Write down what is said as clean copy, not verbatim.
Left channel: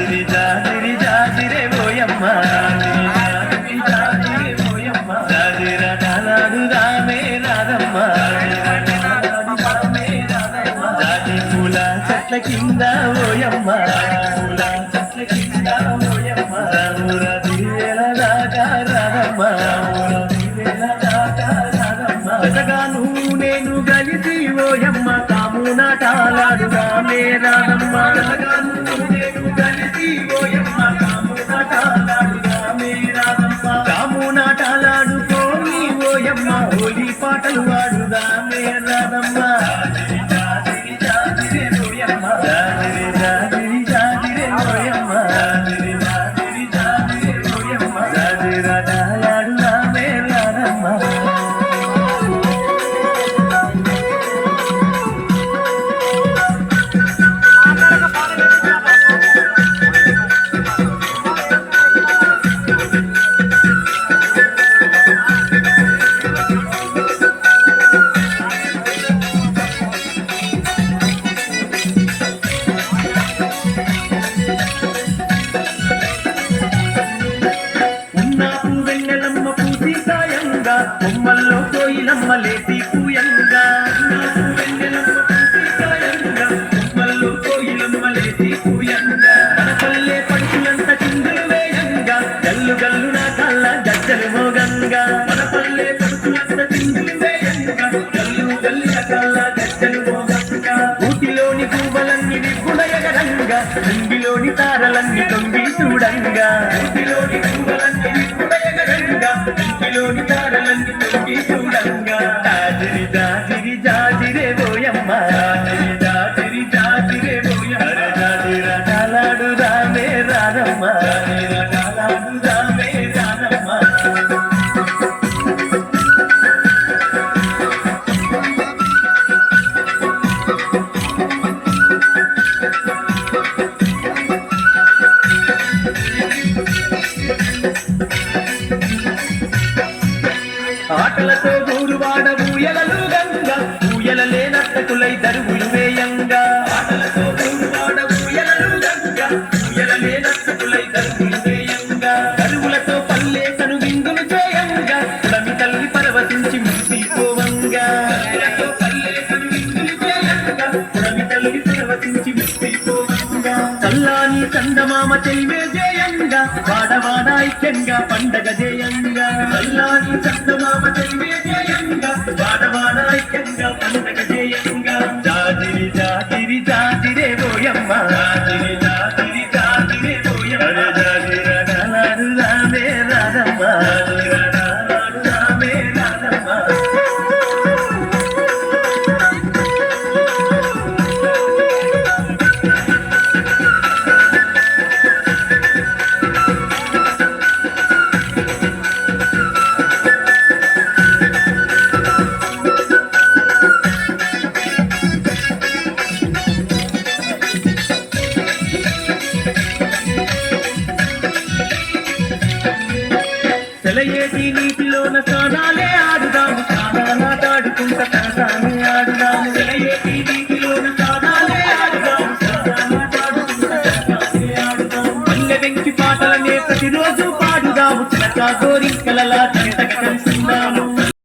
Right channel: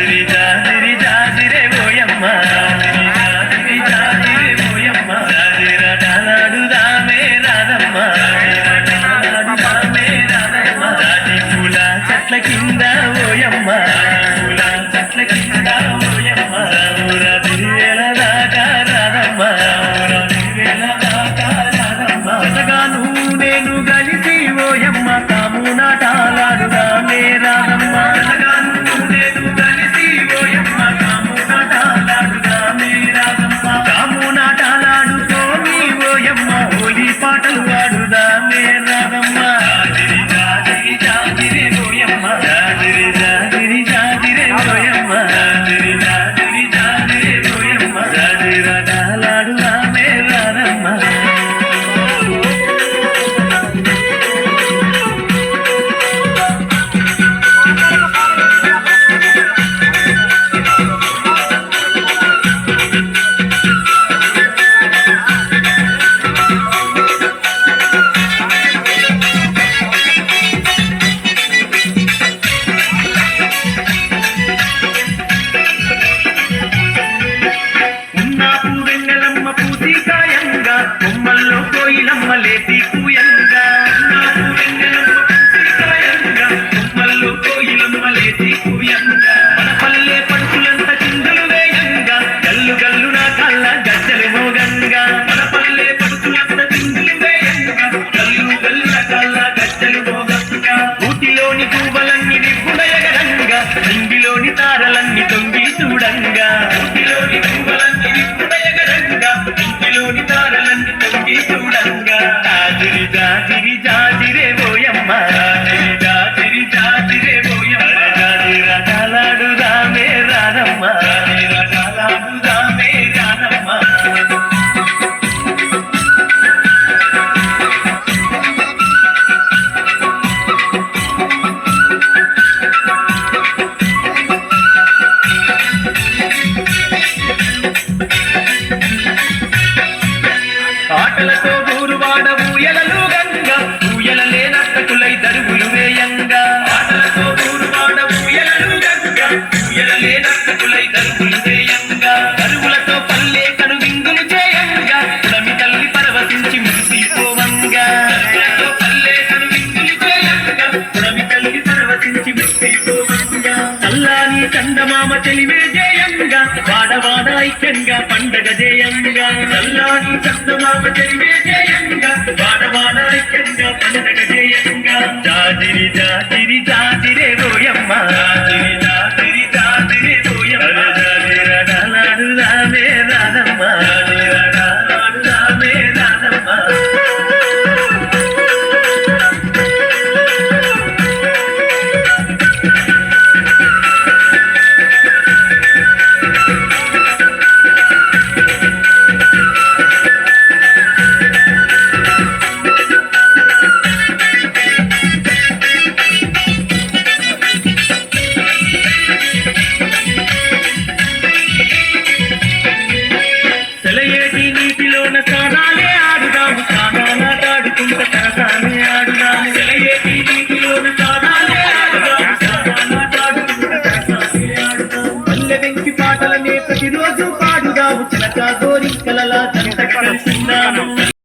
జాజిరి జాజిరి జాజిరే ఓయమ్మ జాజిరి జాజిరే ఓయమ్మ జాజిరాటలాడుదామే రాధమ్మ జాజిరాటలాడుదామే రాధమ్మ జాజి పూల చెట్ల కింద ఓయమ్మ పూల చెట్ల కింద ఓయమ్మ రాముర దివేల దాకా రాధమ్మ దివేల దాకా రాధమ్మ జతగాను నేను కలిసి ఓయమ్మ కాము నాటాలాడుదామే రాధమ్మ జతగాను నేను కలిసి ఓయమ్మ కాము నాటాలాడుదామే రాధమ్మ కాము నాటాలాడుతోని ఓయమ్మ హోలీ పాటలు వాడుదామే రాధమ్మ జాజిరి జాజిరి జాజిరే ఓయమ్మ జాజిరి జాజిరి జాజిరే ఓయమ్మ జాజిరి జాజిరి జాజిరే ఓయమ్మ జాజిరాటలాడుదామే రాధమ్మ కొమ్మల్లో కోయిలమ్మ లేటి కూయంగా కొమ్మల్లో కోయిలమ్మ లేటి కూయంగా మన పల్లె పడుచులంత చిందులు వేయంగా గల్లు గల్లు నా కళ్ళ గజ్జలు మోగంగా మన పల్లె పడుచులంత చిందులు వేయంగా గల్లు గల్లు నా కళ్ళ గజ్జలు మోగంగా ఊటిలోని పూవలన్నీ నిప్పుడయగరంగా ఇంటిలోని తారలన్నీ తొంగి చూడంగా ఊటిలోని పూవలన్నీ నిప్పుడయగరంగా ఇంటిలోని తారలన్నీ తొంగి చూడంగా జాజిరి జాజిరి జాజిరే ఓయమ్మ జాజిరి జాజిరి జాజిరే ఓయమ్మ జాజిరాటలాడుదామే రాధమ్మ జాజిరాటలాడుదామే రాధమ్మ ఆటలతో గూరువాడ ఊయలలు గంగా ఊయల లేనట్టకులై దరువులు వేయంగా ఆటలతో గూరువాడ ఊయలలు గంగా ఊయల లేనట్టకులై దరువులు వేయంగా దరువులతో పల్లె కను విందులు చేయంగా ఉడమి తల్లి పరవశించి మురిసిపోవంగా పల్లె కను విందులు చేయంగా ఉడమి తల్లి పరవశించి మురిసిపోవంగా చల్లాని చందమామ చెలిమే చేయంగా వాడవాడ ఐక్యంగా పండగ చేయంగా చల్లాని చందమామ చెలిమే చేయంగా వాడవాడ ఐక్యంగా పండగ చేయంగా జాజిరి జాజిరి జాజిరే ఓయమ్మ జాజిరి జాజిరి జాజిరే ఓయమ్మ జాజిరాటలాడుదామే రాధమ్మ జాజిరాటలాడుదామే రాధమ్మ సెలయేటి నీటిలోన స్నానాలే ఆడుదాము స్నానాలాటాడుకుంట